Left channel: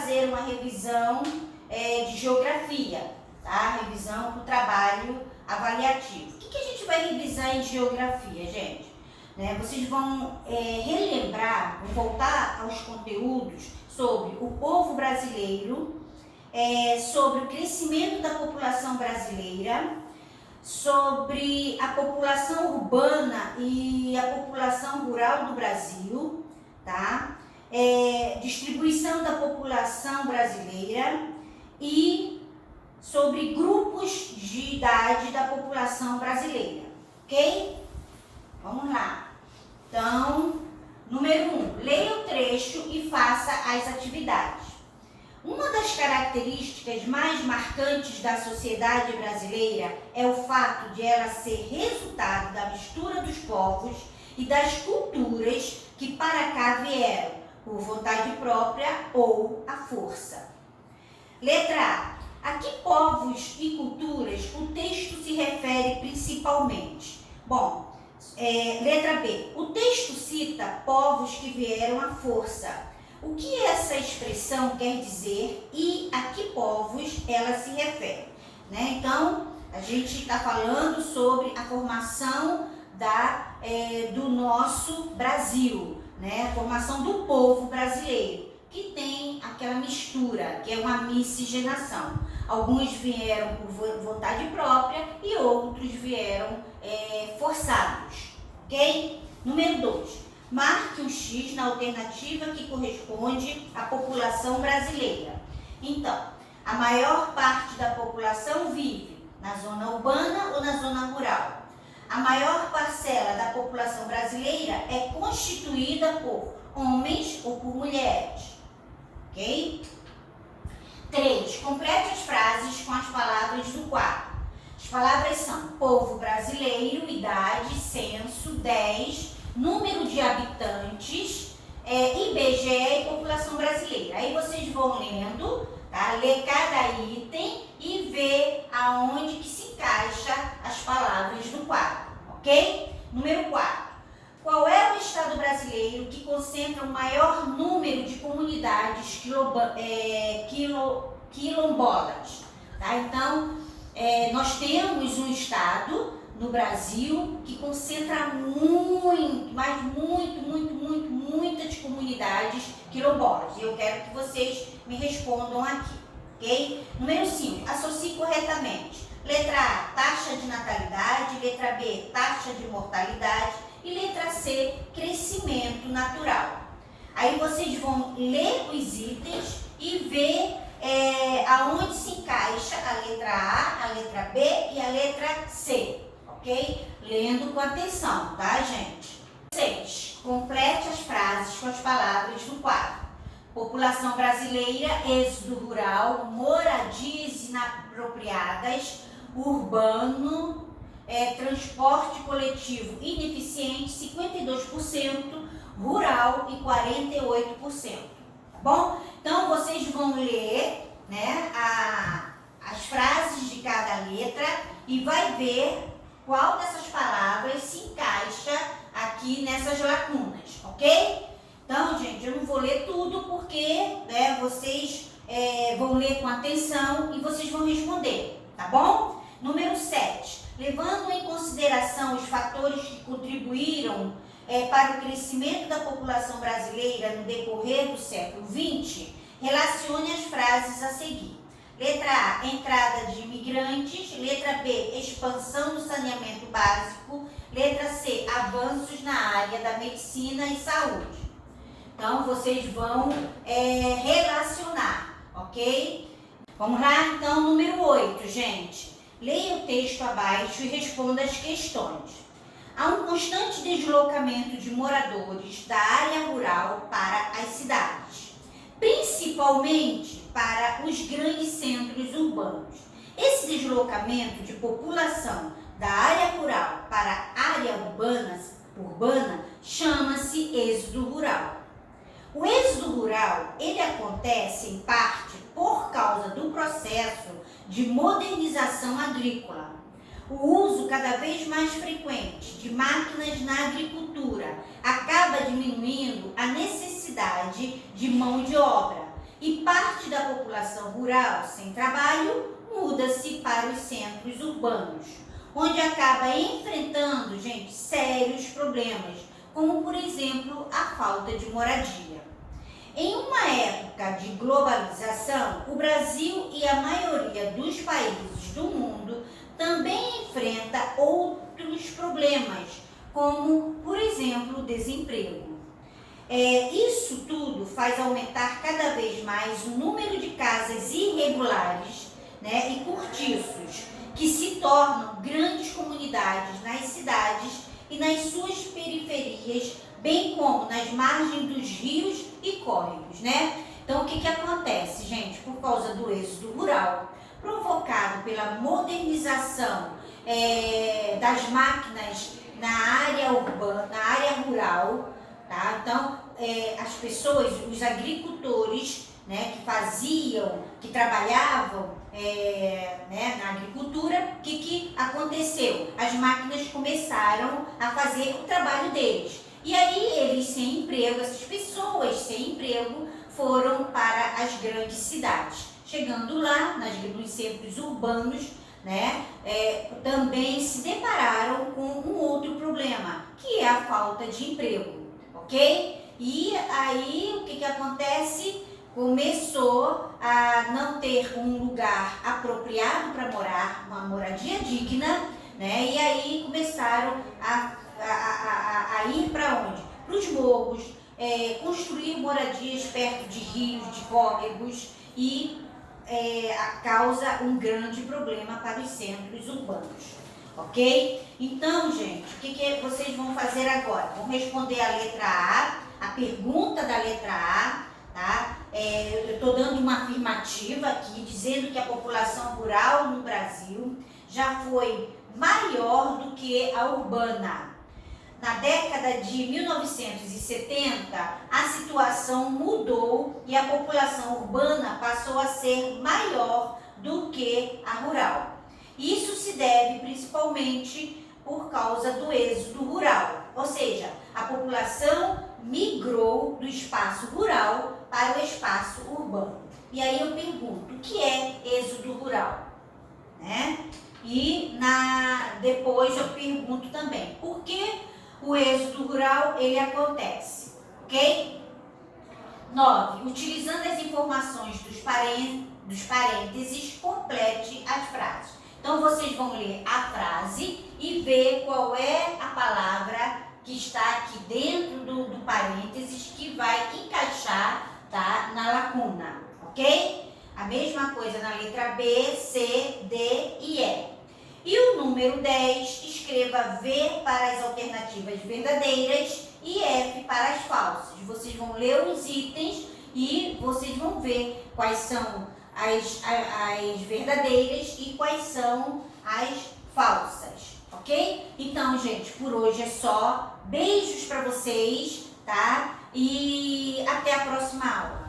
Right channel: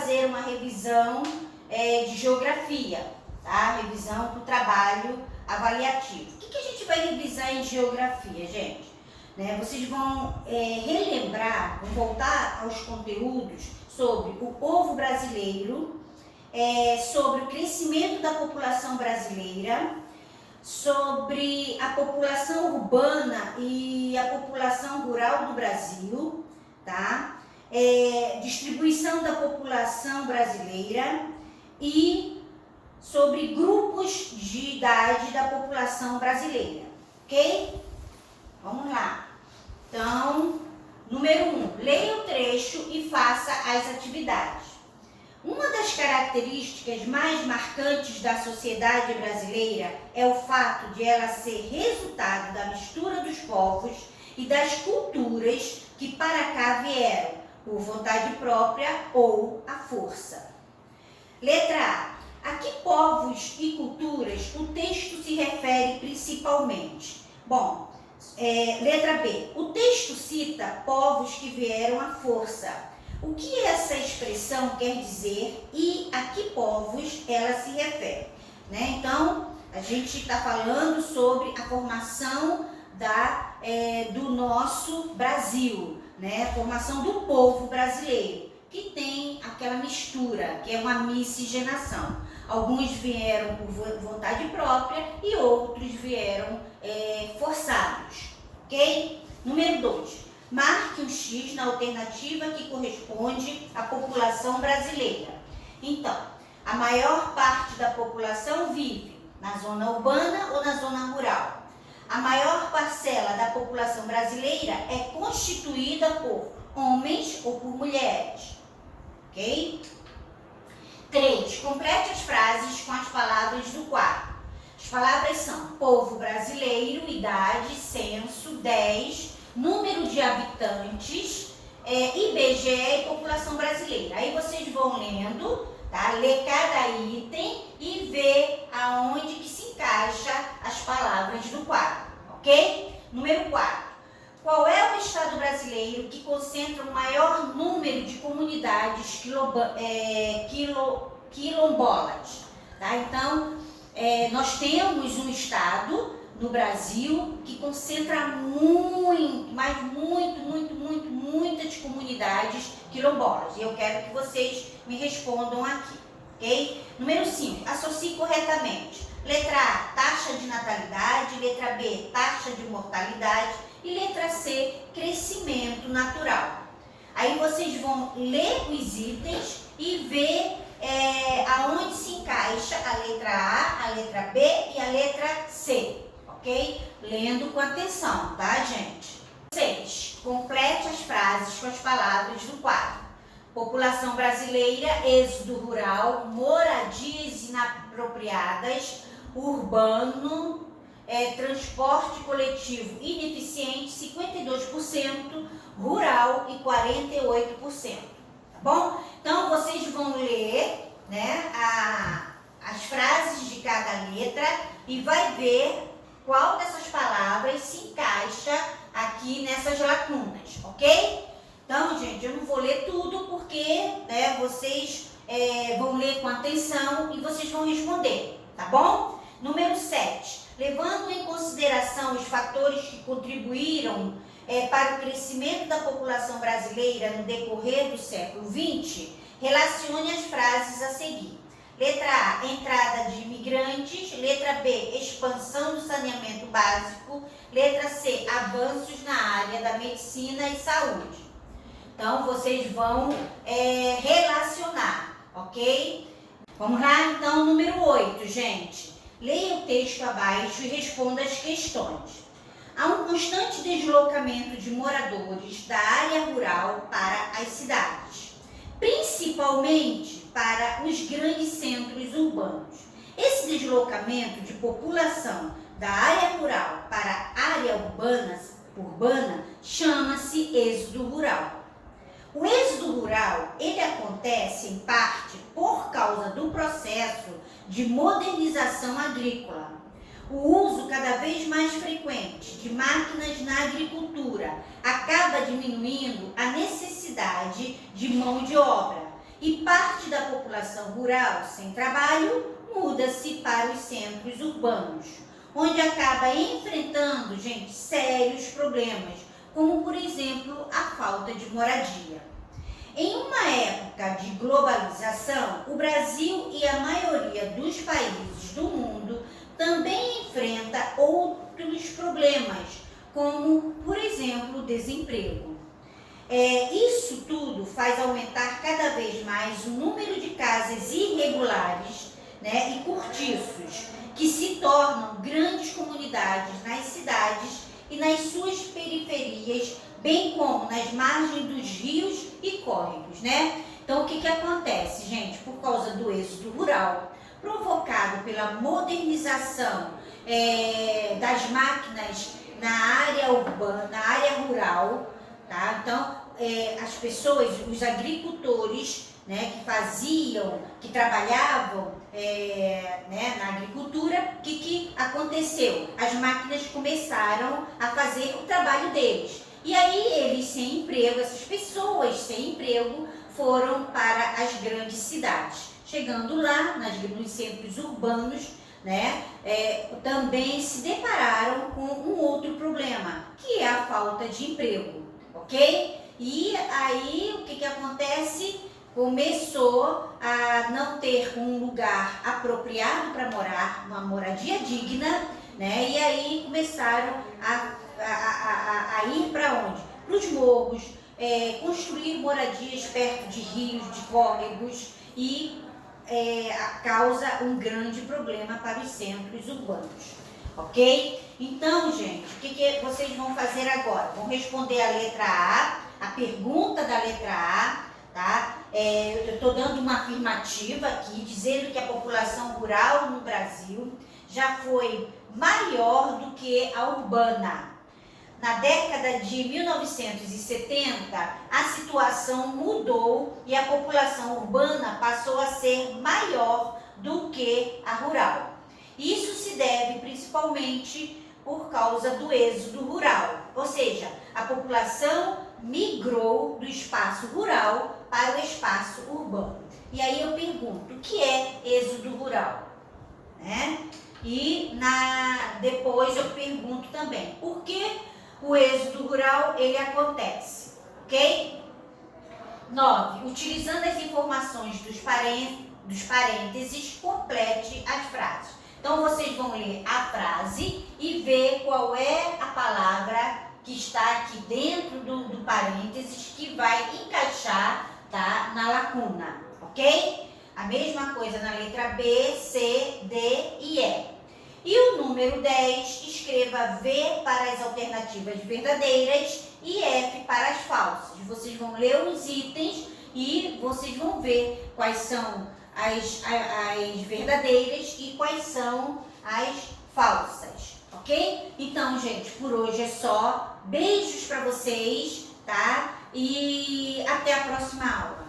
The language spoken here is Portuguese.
fazer uma revisão de geografia, tá? Revisão para o trabalho avaliativo. O que a gente vai revisar em geografia, gente? Vocês vão relembrar, vão voltar aos conteúdos sobre o povo brasileiro, sobre o crescimento da população brasileira, sobre a população urbana e a população rural do Brasil, tá? Distribuição da população brasileira e sobre grupos de idade da população brasileira, ok? Vamos lá. Então, número 1, leia o trecho e faça as atividades. Uma das características mais marcantes da sociedade brasileira é o fato de ela ser resultado da mistura dos povos e das culturas que para cá vieram, por vontade própria ou à força. Letra A. A que povos e culturas o texto se refere principalmente? Bom, letra B. O texto cita povos que vieram à força. O que essa expressão quer dizer e a que povos ela se refere? Então, a gente está falando sobre a formação do nosso Brasil, a formação do povo brasileiro, que tem aquela mistura, que é uma miscigenação. Alguns vieram por vontade própria e outros vieram forçados, ok? Número 2. Marque um X na alternativa que corresponde à população brasileira. Então, a maior parte da população vive na zona urbana ou na zona rural. A maior parcela da população brasileira é constituída por homens ou por mulheres. Ok? 3. Complete as frases com as palavras do quadro. As palavras são povo brasileiro, idade, censo, 10, número de habitantes, IBGE e população brasileira. Aí vocês vão lendo, tá? Ler cada item e ver aonde que se encaixa as palavras do quadro, ok? Número 4. Qual é o estado brasileiro que concentra o maior número de comunidades quilombolas? Tá? Então, nós temos um estado no Brasil que concentra muitas comunidades quilombolas. E eu quero que vocês me respondam aqui, ok? Número 5, associe corretamente. Letra A, taxa de natalidade. Letra B, taxa de mortalidade. E letra C, crescimento natural. Aí vocês vão ler os itens e ver aonde se encaixa a letra A, a letra B e a letra C. Ok? Lendo com atenção, tá, gente? 6. Complete as frases com as palavras do quadro. População brasileira, êxodo rural, moradias inapropriadas, urbano, transporte coletivo ineficiente, 52%, rural e 48%. Tá bom? Então, vocês vão ler, as frases de cada letra e vai ver qual dessas palavras se encaixa aqui nessas lacunas, ok? Então, gente, eu não vou ler tudo porque vocês vão ler com atenção e vocês vão responder, tá bom? Número 7. Levando em consideração os fatores que contribuíram para o crescimento da população brasileira no decorrer do século XX, relacione as frases a seguir. Letra A, entrada de imigrantes. Letra B, expansão do saneamento básico. Letra C, avanços na área da medicina e saúde. Então, vocês vão relacionar, ok? Vamos lá? Então, número 8, gente. Leia o texto abaixo e responda as questões. Há um constante deslocamento de moradores da área rural para as cidades, principalmente para os grandes centros urbanos. Esse deslocamento de população da área rural para a área urbana chama-se êxodo rural. O êxodo rural, ele acontece em parte por causa do processo de modernização agrícola. O uso cada vez mais frequente de máquinas na agricultura acaba diminuindo a necessidade de mão de obra E parte da população rural sem trabalho muda-se para os centros urbanos, onde acaba enfrentando, gente, sérios problemas, como, por exemplo, a falta de moradia. Em uma época de globalização, o Brasil e a maioria dos países do mundo também enfrenta outros problemas, como, por exemplo, o desemprego. Isso tudo faz aumentar cada vez mais o número de casas irregulares, né, e cortiços, que se tornam grandes comunidades nas cidades e nas suas periferias, bem como nas margens dos rios e córregos, né? Então, o que acontece, gente? Por causa do êxodo rural, provocado pela modernização das máquinas na área urbana, na área rural, tá? Então, as pessoas, os agricultores, né, que trabalhavam né, na agricultura, o que aconteceu? As máquinas começaram a fazer o trabalho deles. E aí eles sem emprego, essas pessoas sem emprego, foram para as grandes cidades. Chegando lá, nos centros urbanos, né, também se depararam com um outro problema, que é a falta de emprego, ok? E aí o que acontece? Começou a não ter um lugar apropriado para morar, uma moradia digna, né? E aí começaram a ir para onde? Para os morros, construir moradias perto de rios, de córregos e causa um grande problema para os centros urbanos, ok? Então, gente, o que vocês vão fazer agora? Vão responder a letra A, a pergunta da letra A, tá? Eu estou dando uma afirmativa aqui, dizendo que a população rural no Brasil já foi maior do que a urbana. Na década de 1970, a situação mudou e a população urbana passou a ser maior do que a rural. Isso se deve principalmente por causa do êxodo rural, ou seja, a população migrou do espaço rural para o espaço urbano. E aí eu pergunto, o que é êxodo rural? Né? E depois eu pergunto também, por que o êxodo rural ele acontece? Ok? 9. Utilizando as informações dos parênteses, complete as frases. Então, vocês vão ler a frase e ver qual é a palavra que está aqui dentro do parênteses que vai encaixar, tá, na lacuna, ok? A mesma coisa na letra B, C, D e E. E o número 10, escreva V para as alternativas verdadeiras e F para as falsas. Vocês vão ler os itens e vocês vão ver quais são as verdadeiras e quais são as falsas, ok? Então, gente, por hoje é só. Beijos para vocês, tá? E até a próxima aula.